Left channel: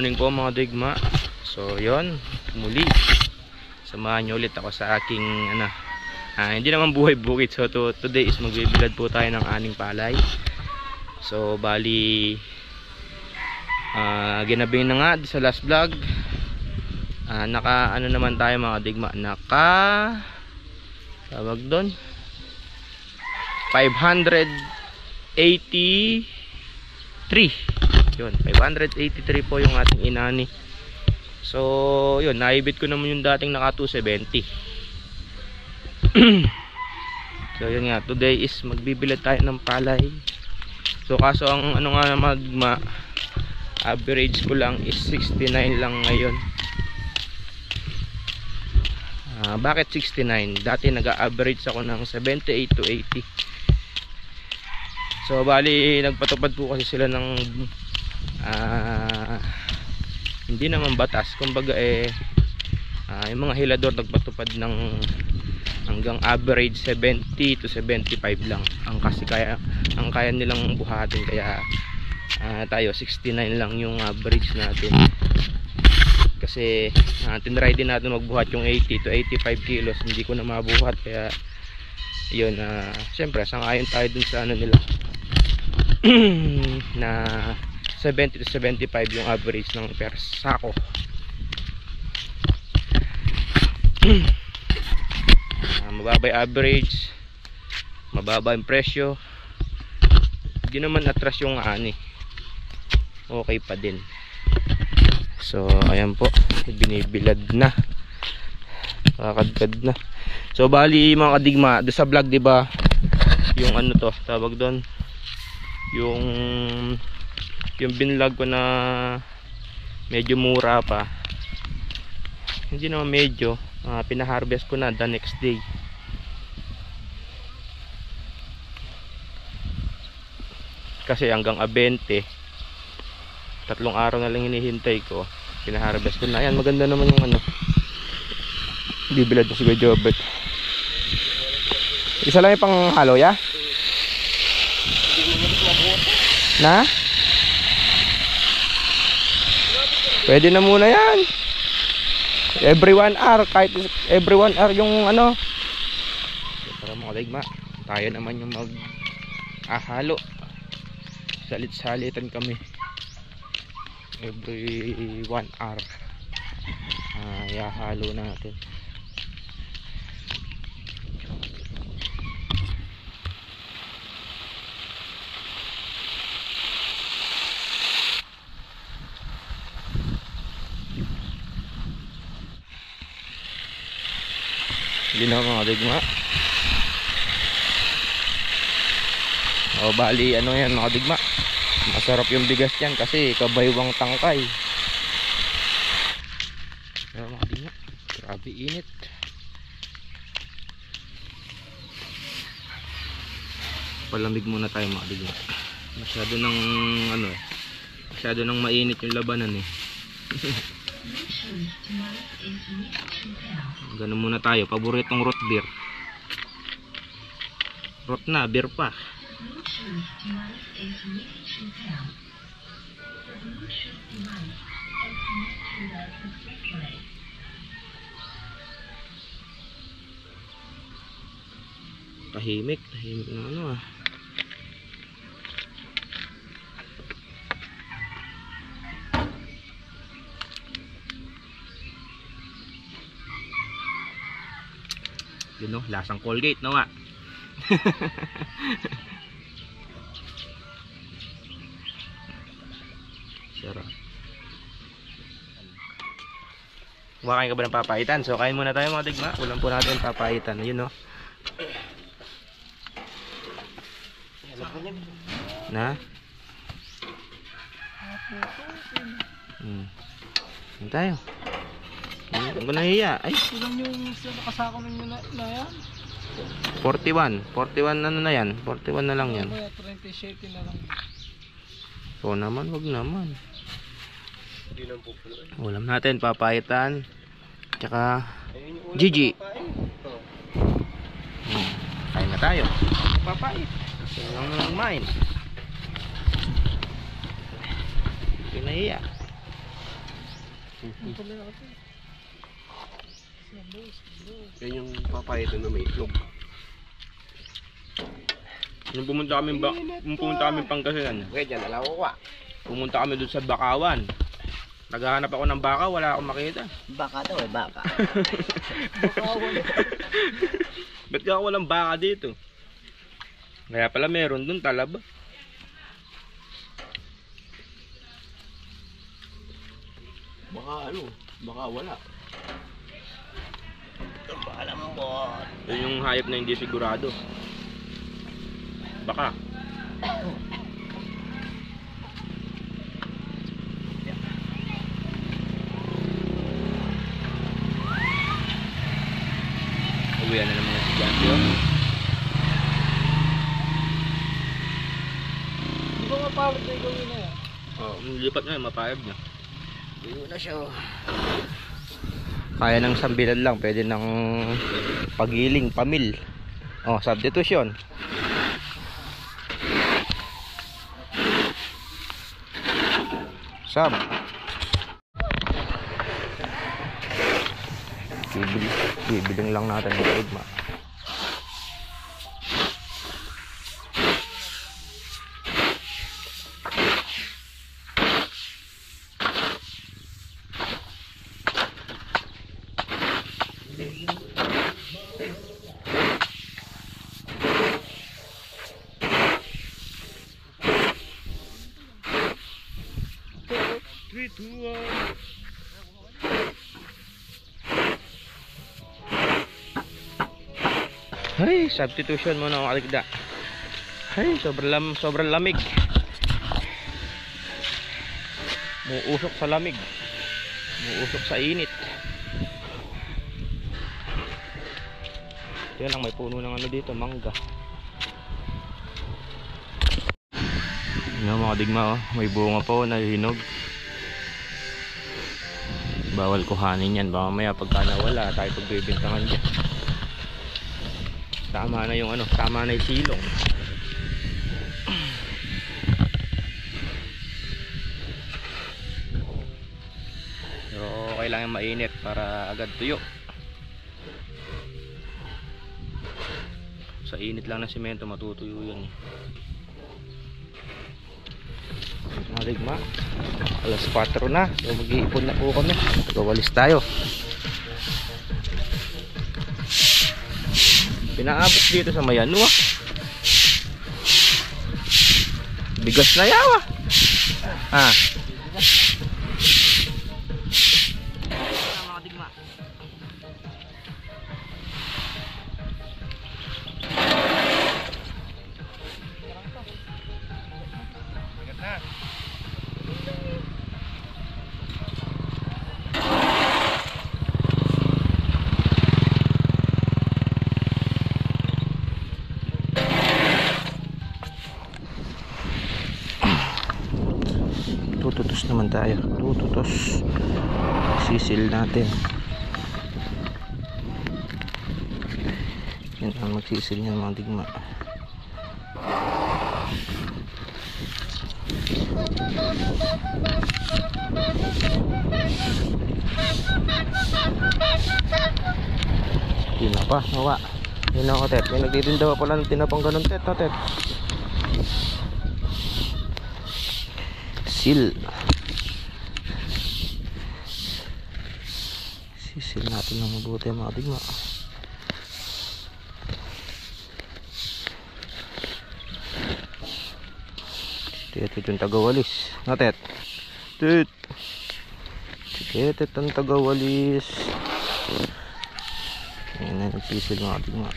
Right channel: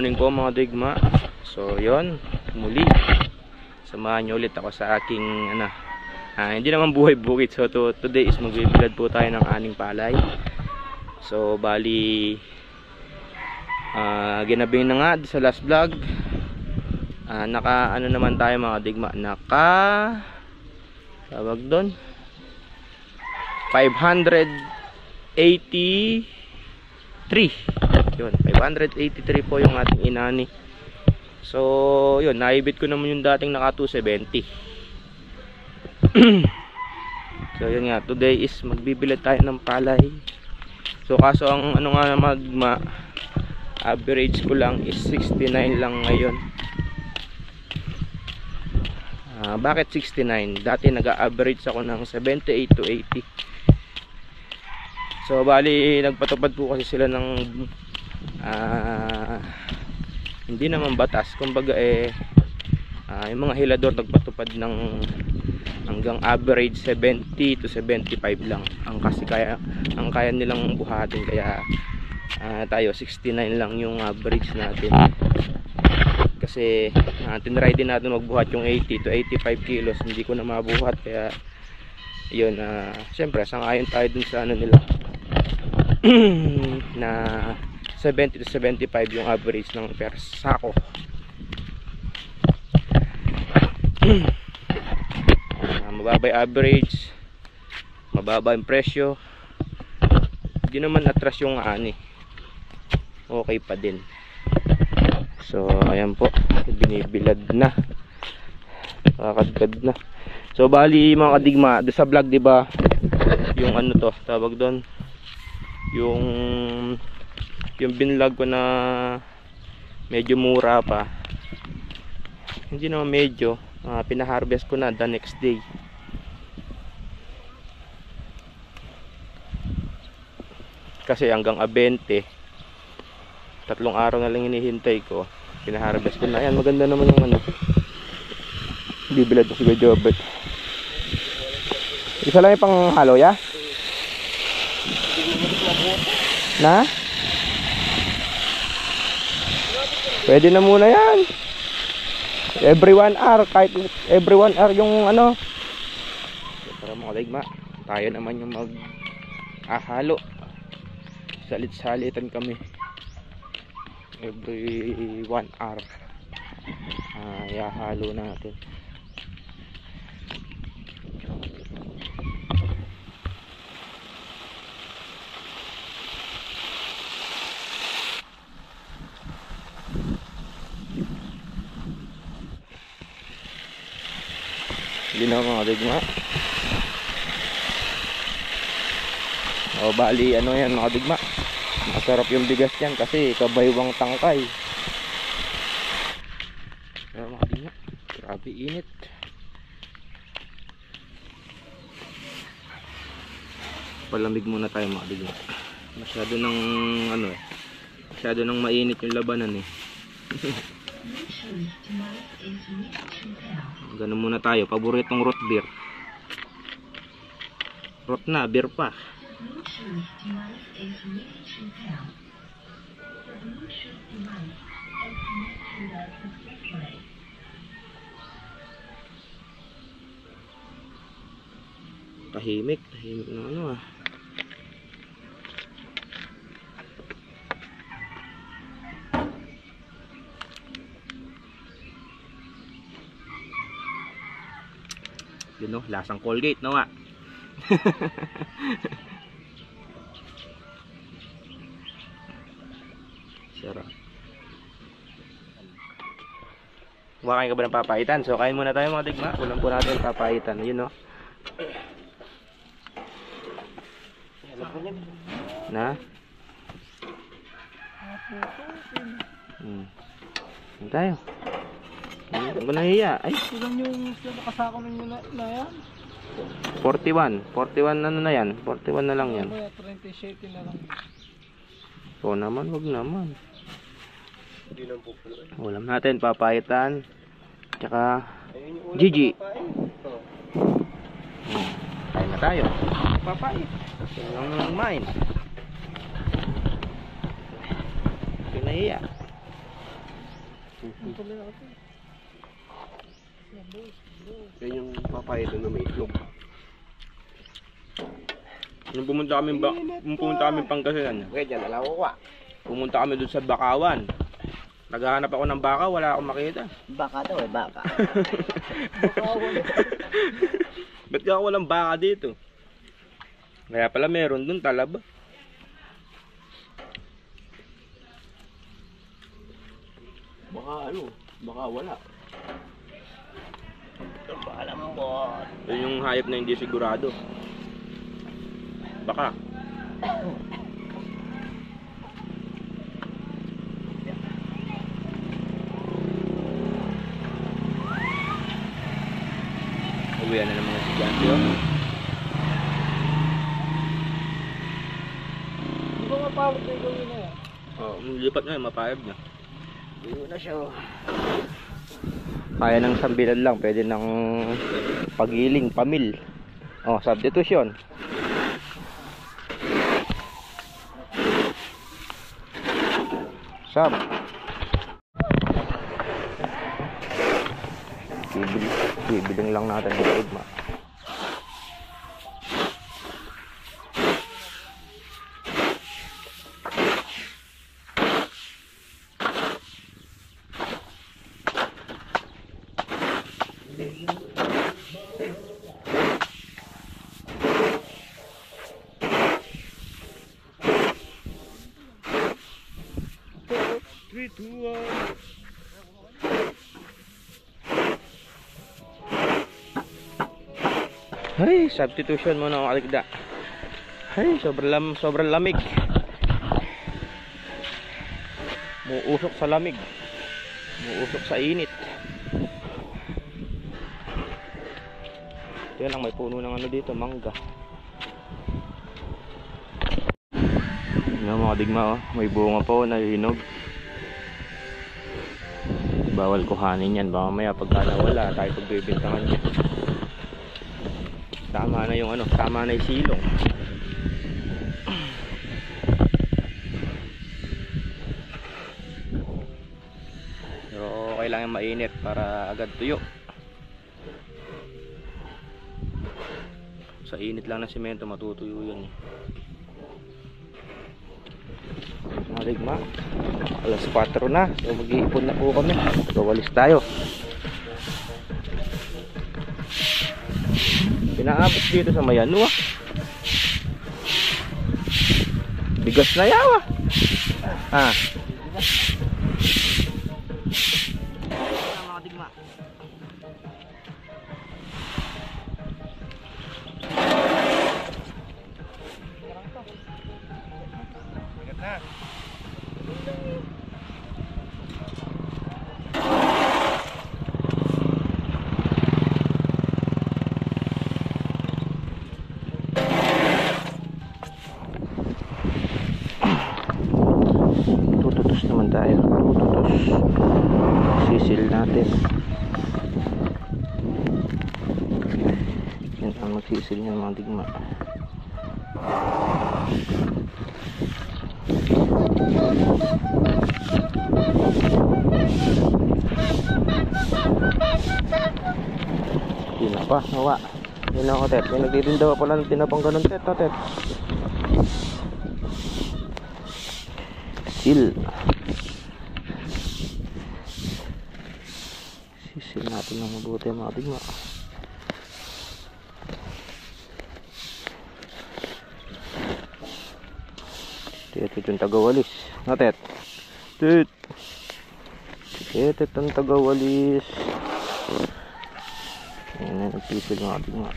morning po mga digma. So yon, muli samahan nyo ulit ako sa aking hindi naman buhay bukid. So today is magbibilad po tayo ng aning palay. So bali ginabing na nga sa last vlog. Naka naman tayo mga digma, tawag doon 583 yun, 583 po yung ating inani. So yun, naibit ko naman yung dating naka 270. So yun nga, today is magbibilad tayo ng palay. So kaso ang average ko lang is 69 lang ngayon. Bakit 69? Dati nag-average ako ng 78 to 80. So bali nagpatupad po kasi sila ng hindi naman batas, kumbaga yung mga hilador nagpatupad ng hanggang average 70 to 75 lang ang kaya nilang buhatin. Kaya tayo 69 lang yung average natin. Kasi tinry din natin magbuhat yung 80 to 85 kilos, hindi ko na mabuhat. Kaya yun, syempre sangayon tayo dun sa nila na 70 to 75 yung average ng per sako. Mababa yung average, mababa yung presyo, hindi naman atras yung ani, okay pa din. So ayan po, binibilad na, kakadkad na. So bali mga kadigma, do sa vlog diba yung tawag doon, yung binlog ko na medyo mura pa, hindi naman medyo, pinaharvest ko na the next day. Kasi hanggang 20, 3 araw na lang hinihintay ko, pinaharvest ko na. Ayan, maganda naman yung bibilad ko si Jobert. Isa lang yung pang halo ya na pwede na muna yan. Every 1 hour, kahit every 1 hour yung para mga ligma, tayo naman yung halo. Salit-salitan kami every 1 hour. Ihalo natin. Hindi na mga digma. O bali yan mga digma, masarap yung bigas yan kasi kabaywang tangkay. Pero mga digma, grabe init. Palamig muna tayo mga digma. Masyado nang mainit yung labanan Ganun muna tayo, paboritong root beer. Root na, beer pa. Tahimik na yun lasang Colgate nga. Sarap. Kumakain ka ba ng papaitan? So kain muna tayo mga digma. Ulam po natin papaitan. Yun na. Ano tayo? Ang ko nahiya. Ay, ilan yung kasako ninyo na yan? 41 na yan. 41 na lang yan. 37 na lang. So naman, wag naman. Ulam natin, papaitan, tsaka Gigi. Kain na tayo. Papait. Kasi lang naman kumain. Pinahiya. Ang tuloy ako ito. Yan yung papaya doon na may itlog. Nung pumunta kami Pangasinan, Okay, dyan alam ko ka. pumunta kami doon sa Bakawan. Naghahanap ako ng baka, wala akong makita. Baka daw eh, baka. Ba't ka walang baka dito? Kaya pala meron doon, talaba. Baka ano, baka wala. Alam mo po. Yun yung hayop na hindi sigurado. Baka. Uwian na ng mga estudyante, oh. Hindi ko mapawag na ikaw yun na yan. Oh, lipat na, mapayag na. Hindi na siya. Kaya ng sambilan lang, pwede ng pagiling, pamil. Oh, substitution. Sub. Bibiling lang natin ng igma. Ay, substitution muna ang aligda. Ay, sobrang lamig. Muusok sa lamig. Muusok sa init. Yan lang, may puno ng ano dito, mangga. Yan mga digma, oh. May bunga pa, oh, nahihinog. Bawal kuhanin yan, baka mamaya pagka nawala tayo pagbibintangan niya. Tama na yung ano, tama na yung silong. Pero okay lang yung mainit para agad tuyo. Sa init lang ng semento matutuyo yan. Mga digma, alas 4 na, so mag-iipon na po kami. Walis tayo. Pinaabot dito sa Mayanua. Bigas na yawa. Ah. Mga digma. Bigat na. Tututos naman tayo. Tututos. Sisil natin. Yan ang magsisil niyan mga digma. Yun na pa, nawa. Yun na ako, Tet. May nagtitindawa pala ng tinapang ganun, Tet. Oh, Tet. Sil. Sisil natin ng mabuti mga digma. Tet yung tagawalis. Na, Tet. Tet. Tet ang tagawalis. Ayan na, nagpisil mga digma.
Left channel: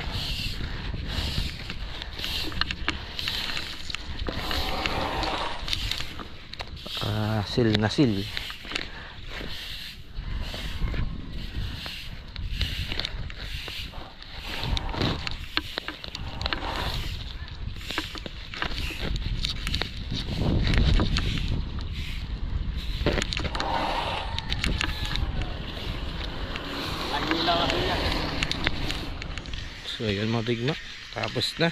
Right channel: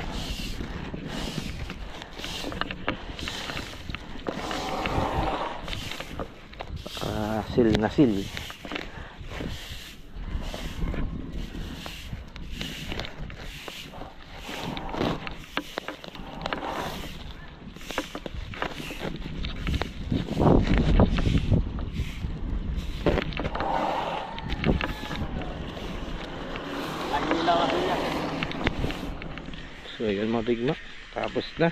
Sil na sil. So yun mga digma, tapos na.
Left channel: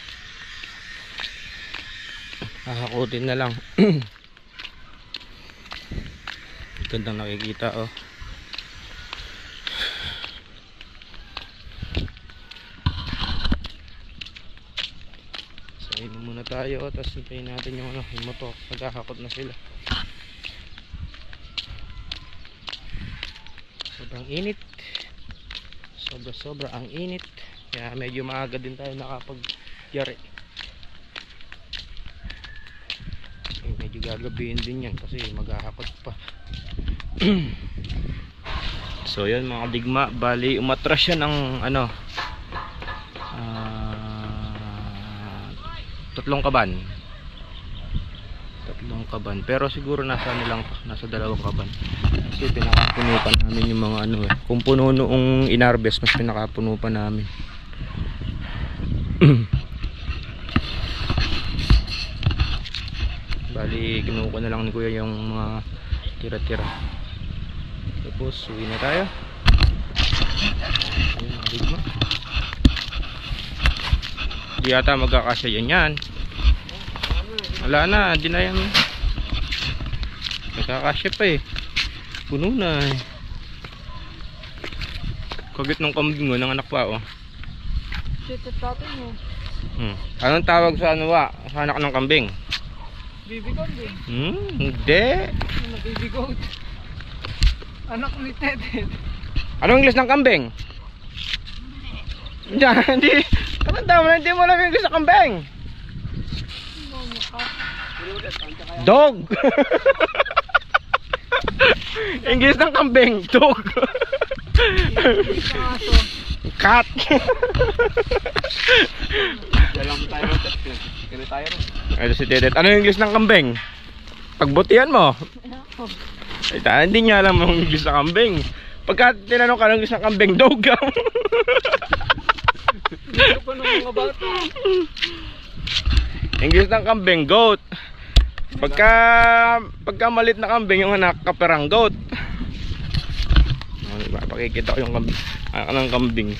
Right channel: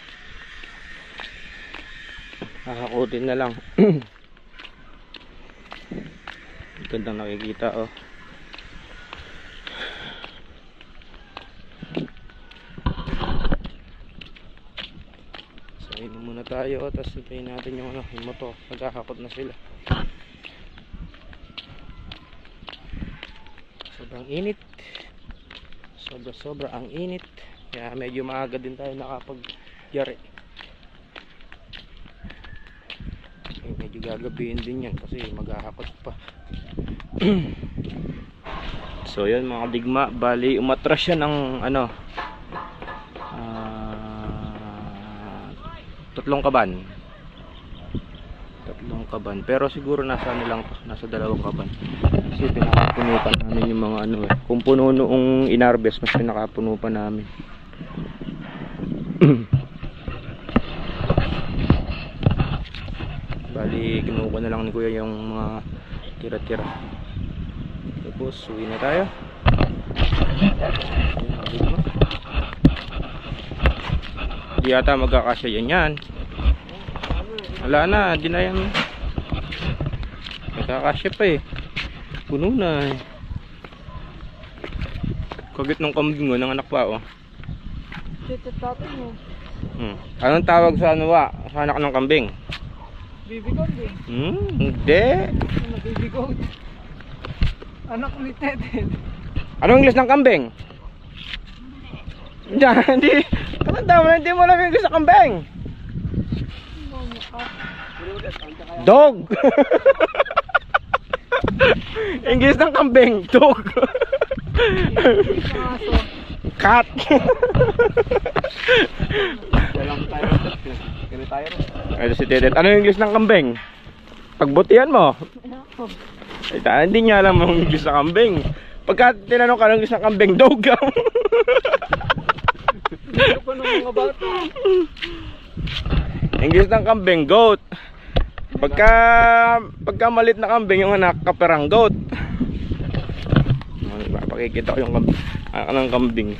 Kakakutin na lang. Gandang nakikita, oh. muna tayo, tapos hintayin natin yung ano, yung motor. Naghahakot na sila. Sobrang init. Sobra ang init. Kaya medyo maaga din tayo nakapag-yari. Medyo gagabihin din yan kasi maghahakot pa. So yun mga digma, bali umatras siya ng ano, 3 kaban. 3 kaban. Pero siguro nasa ano lang to, nasa 2 kaban. Kasi pinakapuno pa namin yung mga ano eh. Kung puno noong inarbes, mas pinakapuno pa namin. Bali kinuha na lang ni kuya yung mga tira-tira. Tapos uwi na tayo. Di yata magkakasya yan. Wala na, di na yan. Magkakasya pa eh. Puno na eh. Kagit ng kambing mo, ng anak pa oh. Shit, at tatay mo. Anong tawag sa ano wa? Sa anak ng kambing? Baby goat eh. Hindi. Ano, baby goat? Anak ni Tete. Anong English ng kambing? Hindi. Anong tawag? Hindi mo lang English ng kambing. Dog. English ng kambing, dog. Cat. Ay, si Tedet. Ano yung English ng kambing? Pagbutihan mo. Ay, hindi niya alam ang English ng kambing. Pagka tinanong ka ng English ng kambing, dog. Hindi ko pa ng mga bata. English ng kambing, goat. Pagka malit na kambing, yung anak, kaperang goat. Pakikita ko yung anak ng kambing.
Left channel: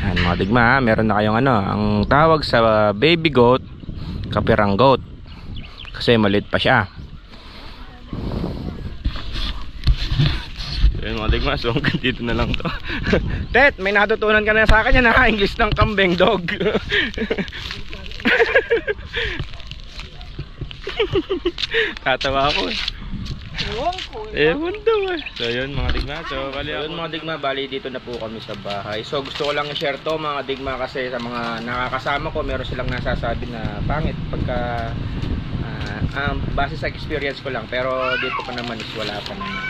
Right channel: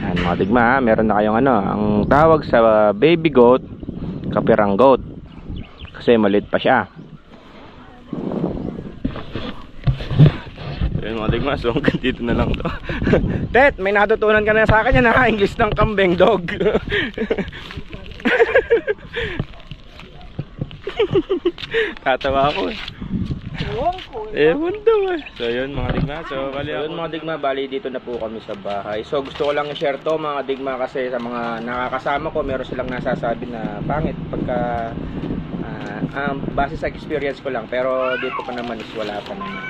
Ayan mga digma, meron na kayong ano, ang tawag sa baby goat, kaperang goat. Kasi malit pa siya. Ayun mga digma, so hanggang dito na lang to. Tet, may natutunan ka na sa akin yan ha, English ng kambing, dog. Tatawa ako eh. Ewan daw eh. So yun mga digma, so bali yun mga digma, bali dito na po kami sa bahay. So gusto ko lang i-share to mga digma kasi sa mga nakakasama ko, meron silang nasasabi na pangit pagka base sa experience ko lang, pero dito pa naman is wala pa naman.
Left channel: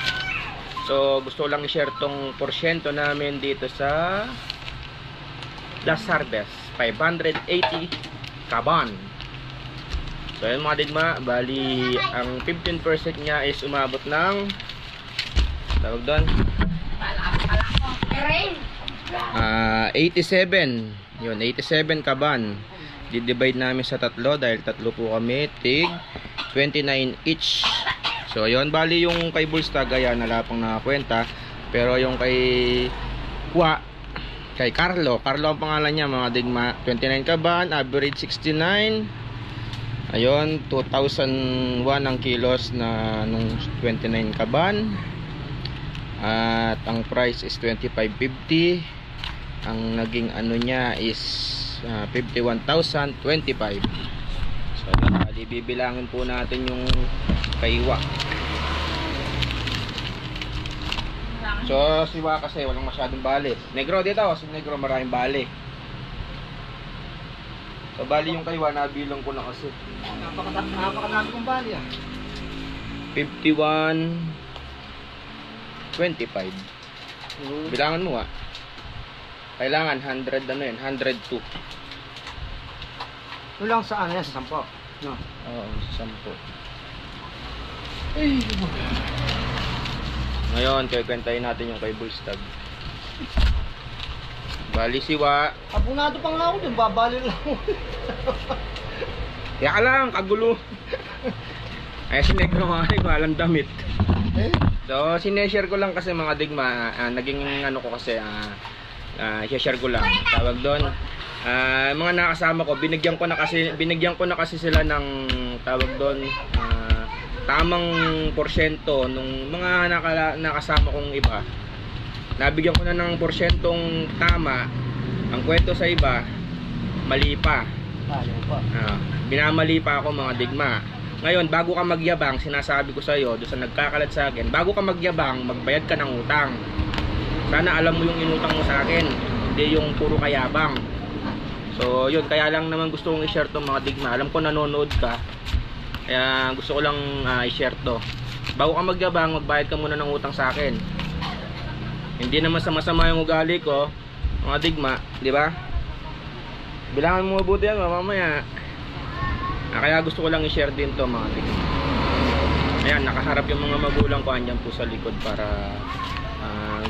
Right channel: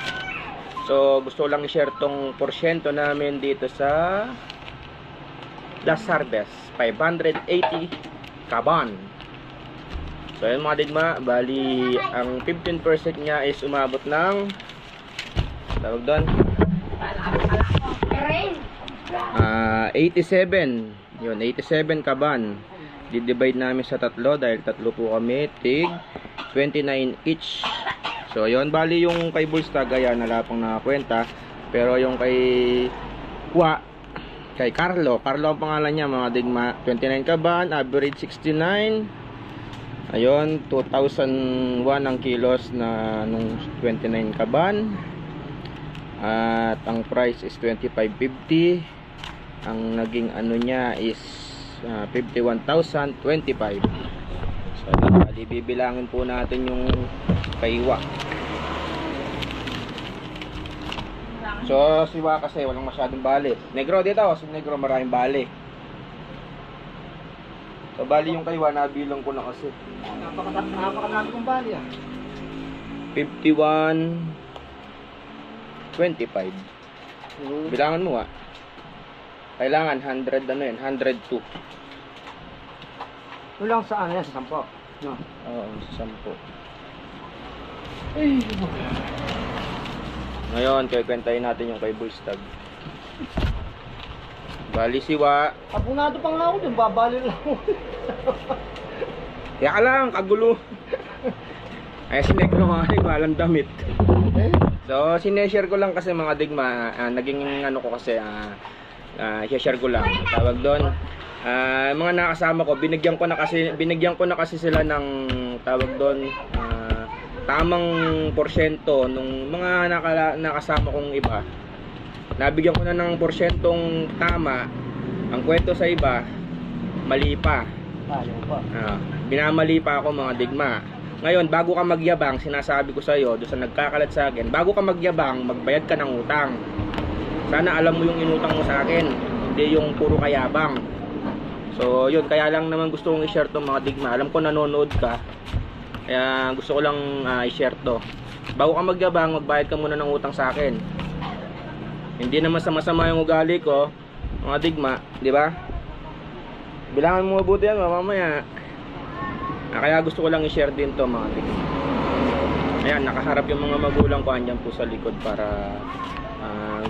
So gusto lang i-share tong porsyento namin dito sa Las Harvest 580 kaban. So ayun mga digma, bali ang 15% niya is umabot ng tawag doon 87. Yun, 87 kaban. Di-divide namin sa 3 dahil 3 po kami, tig 29 each. So yun, bali yung kay Bullstag ayan, wala pang nakakwenta. Pero yung kay kay Carlo ang pangalan niya mga digma, 29 kaban, average 69. Ayun, 2001 ang kilos na nung 29 kaban. At ang price is 25.50. Ang naging ano niya is 51,025. So yun, bibilangin po natin yung kaywa. So siwa kasi walang masyadong bali. Negro dito, si Negro maraming bali. So bali yung kaywa nabilang ko na kasi. Napakadami kong bali ah. 51.25. Bilangan mo ah. Kailangan 100 ano yun, 102. Ito lang sa ano yan, sa 10. No? Oo, sa 10. Ay, Ngayon, kikwentahin natin yung kay Bullstag. Bali siwa. abunado pa nga ako dun, babali lang ako. Kaya ka lang, kagulo. Ay, si Negro mga digma, walang damit. So, sineshare ko lang kasi mga digma, naging ano ko kasi, share ko lang. Tawag doon, mga nakasama ko, binigyan ko na kasi sila ng tawag doon, tamang porsyento nung mga nakasama kong iba. nabigyan ko na ng porsyentong tama. Ang kwento sa iba, mali pa. Binamali pa ako mga digma. Ngayon, bago ka magyabang, sinasabi ko sa iyo, doon sa nagkakalat sa akin, bago ka magyabang, magbayad ka ng utang. Sana alam mo yung inutang mo sa akin, hindi yung puro kayabang. So, yun, kaya lang naman gusto kong i-share to mga digma. Alam ko nanonood ka, kaya gusto ko lang i-share to. Bago ka magyabang, magbayad ka muna ng utang sa akin. Hindi naman sama-sama yung ugali ko, mga digma, di ba? Bilangan mo mabuti yan, mamaya. Kaya gusto ko lang i-share din to mga digma. Ayan, nakaharap yung mga magulang ko, andyan po sa likod para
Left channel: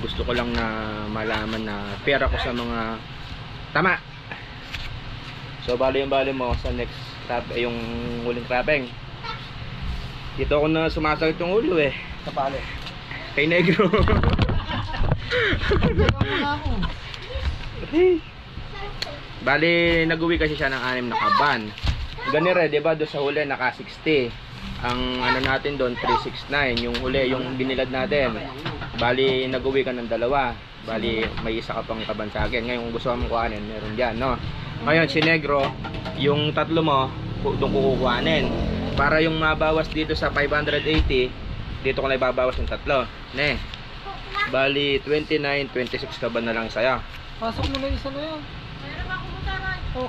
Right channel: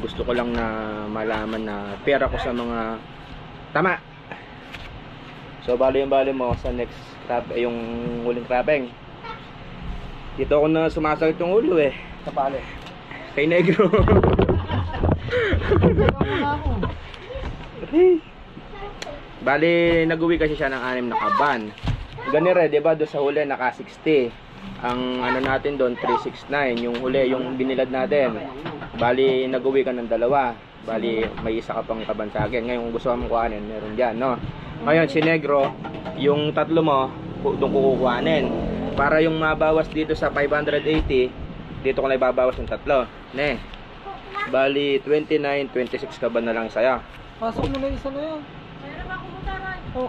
gusto ko lang na malaman na fair ako sa mga tama. So bali mo sa next crab, yung huling crabbing. Dito ako na sumasakit yung ulo eh. Sa pali. Kay Negro. Bali nag-uwi kasi siya ng 6 na kaban. Ganire, 'di ba, do sa huli naka 60. Ang ano natin doon 369, yung huli, yung binilad natin. Bali nag-uwi ka ng 2. Bali may isa ka pang kaban sa akin. Ngayon kung gusto mo kuhanin, meron diyan, no. Ngayon si Negro, yung 3 mo doon kukuhanin. Para yung mabawas dito sa 580, dito ko na ibabawas yung 3. Ne. Bali 29, 26 kaban na lang saya. Pasok mo na yung isa na yan. Oh,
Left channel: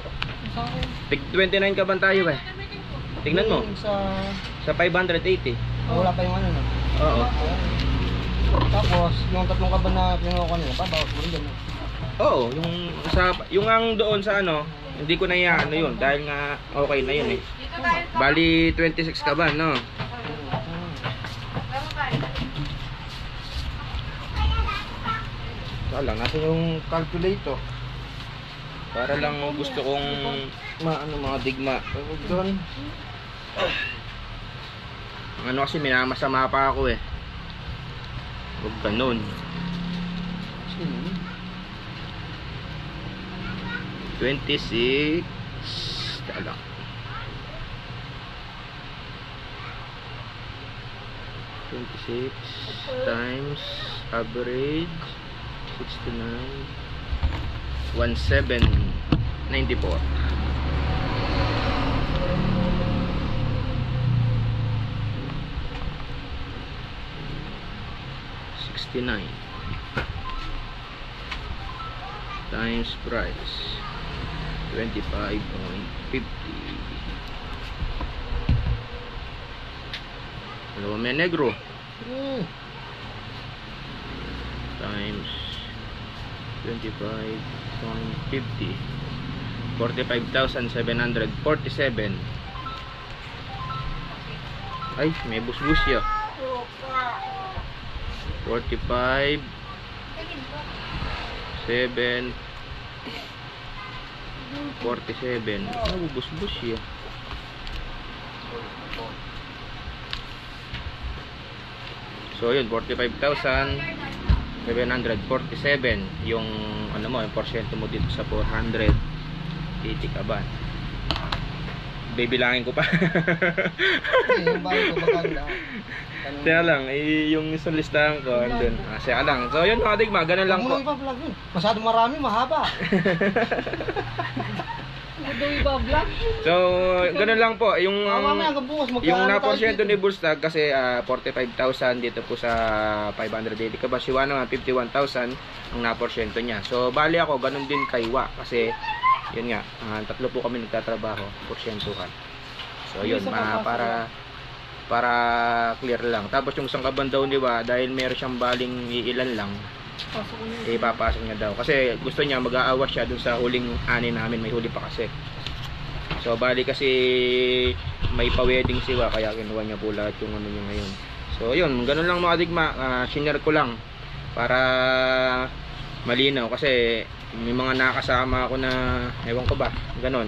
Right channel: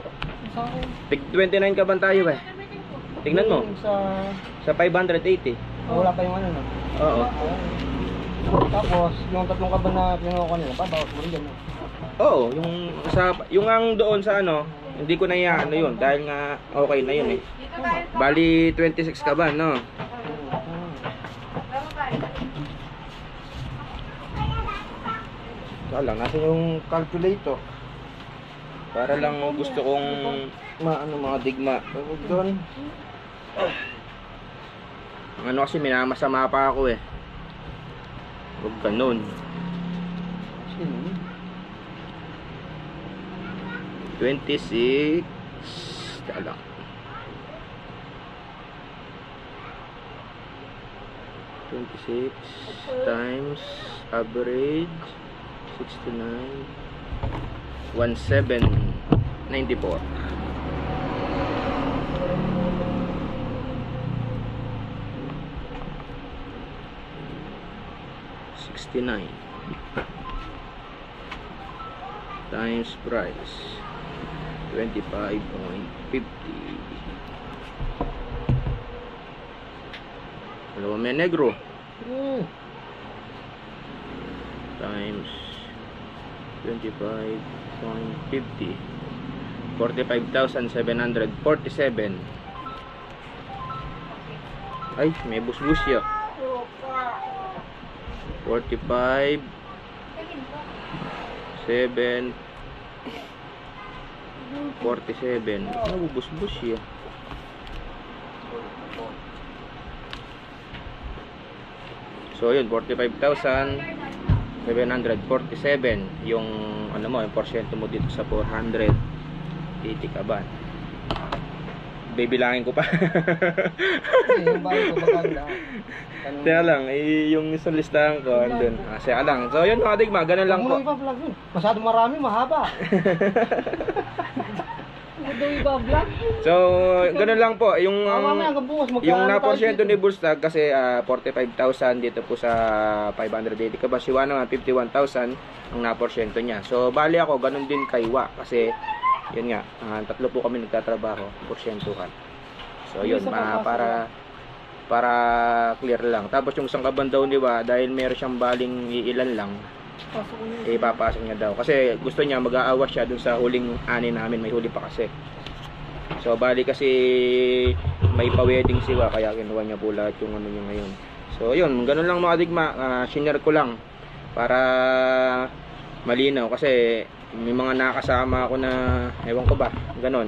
sa akin. Tig 29 kaban tayo eh. Tingnan mo. Yung Sa 580. wala pa yung ano no? Oo. Tapos, yung 3 kaban na pinuha ko nila, babawas mo rin dyan. No? Oo, yung ang doon sa ano, hindi ko na ano yun dahil nga okay na yun eh. Bali 26 kaban, no. Wala, nasa yung calculator. Para lang gusto kong maano mga digma. Doon. Ang ano kasi minamasama pa ako eh. Huwag ganun. 26. Tala. 26 times average 69 1794. Times price 25.50. Hello, may Negro. Times 25.50. 45,747. Ay, may busbus ya. 45 7 47. Ano busbus ya? So yun, 45,747 yung ano mo, yung porsyento mo dito sa 480 kaban. Bibilangin ko pa. Yung bago ko maganda. Kaya lang, yung isang listahan ko andun. Kaya lang. So yun mga digma, ganun lang po. Masyado marami, mahaba. So, ganun lang po. Yung na porsyento ni Bullstag kasi 45,000 dito po sa 580 ka ba? Siwa naman 51,000 ang na porsyento niya. So, bali ako, ganun din kay Wa kasi yun nga, 3 po kami nagtatrabaho, porsyentuhan. So, yun, para clear lang. Tapos yung isang kaban daw ni Wa, dahil meron siyang baling iilan lang, ipapasok niya daw kasi gusto niya mag-aawas siya dun sa huling ani namin, may huli pa kasi. So bali kasi may pa-wedding siwa kaya kinuha niya po lahat yung ano niya ngayon. So yun, ganun lang mga digma, share ko lang para malinaw kasi may mga nakasama ako na ewan ko ba, ganun.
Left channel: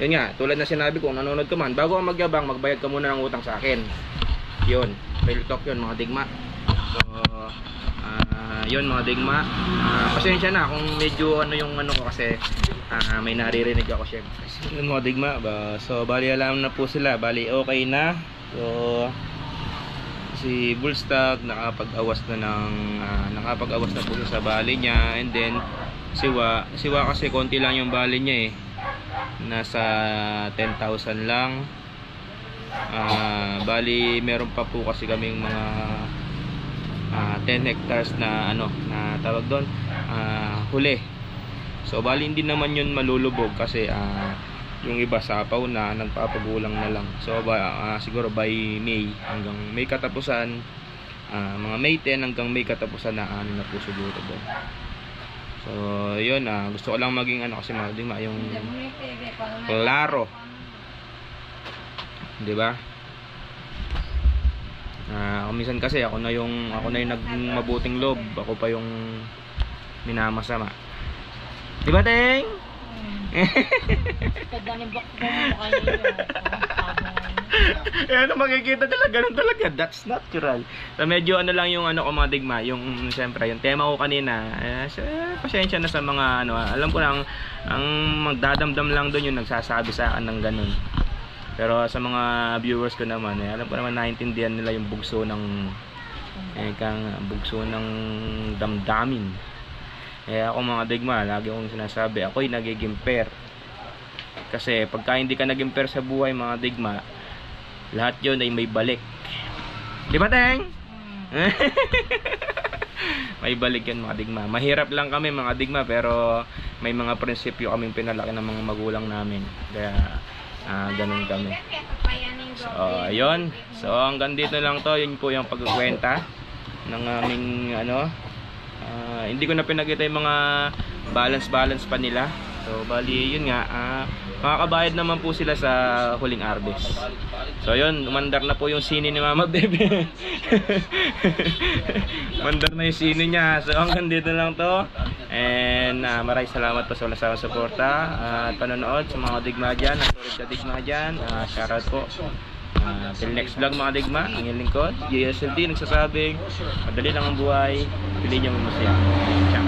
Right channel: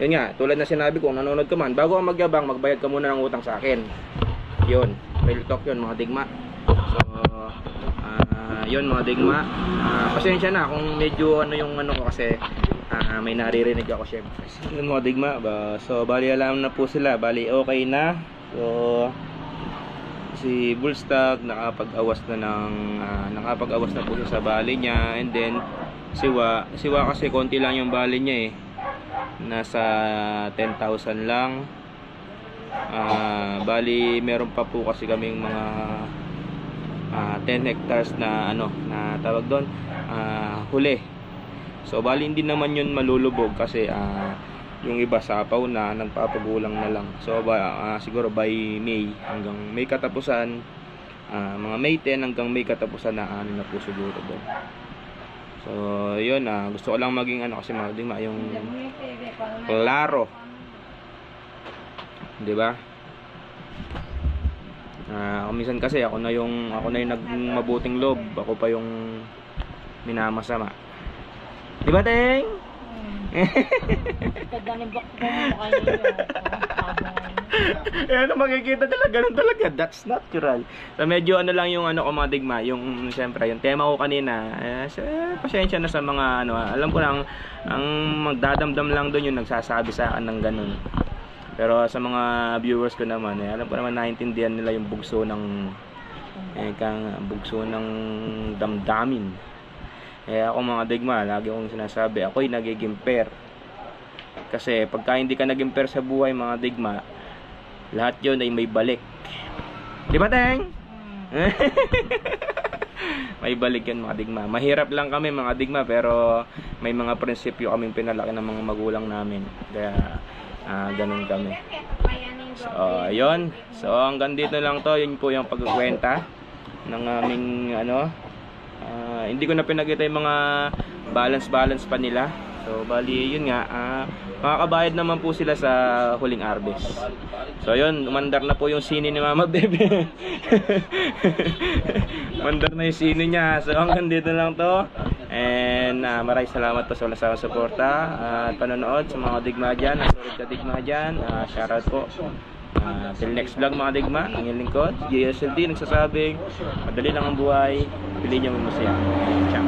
Yun nga, tulad na sinabi ko, nanonood ka man, bago ka magyabang, magbayad ka muna ng utang sa akin. Yun, real talk yun mga digma. So yun mga digma, pasensya na kung medyo ano yung ano ko kasi may naririnig ako syempre. Yun mga digma, so bali alam na po sila, bali okay na. So si Bullstock nakapag-awas na po siya sa bali niya. And then siwa kasi konti lang yung bali niya nasa 10,000 lang. Bali meron pa po kasi kaming mga 10 hectares na na tawag doon, huli. So bali hindi naman yun malulubog kasi yung iba sapaw na, nagpapagulang na lang. So siguro by May, hanggang May katapusan, mga May 10 hanggang May katapusan na na po siguro doon. So yun, gusto ko lang maging kasi mga digma yung klaro, di ba? Minsan kasi ako na yung nagmabuting loob, ako pa yung minamasama, di ba, Teng? Makikita talaga, ganun talaga, that's natural. So medyo lang yung ko mga digma, yung siyempre yung tema ko kanina, pasensya na sa mga alam ko lang ang magdadamdam lang doon yung nagsasabi sa akin ng ganun. Pero sa mga viewers ko naman, alam ko naman naiintindihan nila yung bugso ng damdamin. Ako mga digma, lagi kong sinasabi, ako'y nagiging pair. Kasi pagka hindi ka naging pair sa buhay mga digma, lahat yun ay may balik. Di ba, Teng? May balik yun mga digma. Mahirap lang kami mga digma, pero may mga prinsipyo kaming pinalaki ng mga magulang namin. Kaya ganun kami. So ayun. So hanggang dito lang to. Yun po yung pagkukwenta ng aming hindi ko na pinakita yung mga balance pa nila. So bali yun nga, makakabayad naman po sila sa huling harvest. So yun, umandar na po yung sini ni Mama Bebe. Umandar na yung sini niya. So hanggang dito lang to. And maraming salamat po sa wala sa suporta at panonood sa mga digma dyan, ang solid sa digma dyan. Shoutout po. Till next vlog mga digma, ang inyong lingkod JSLD nagsasabing madali lang ang buhay, piliin nyo may masaya. Ciao.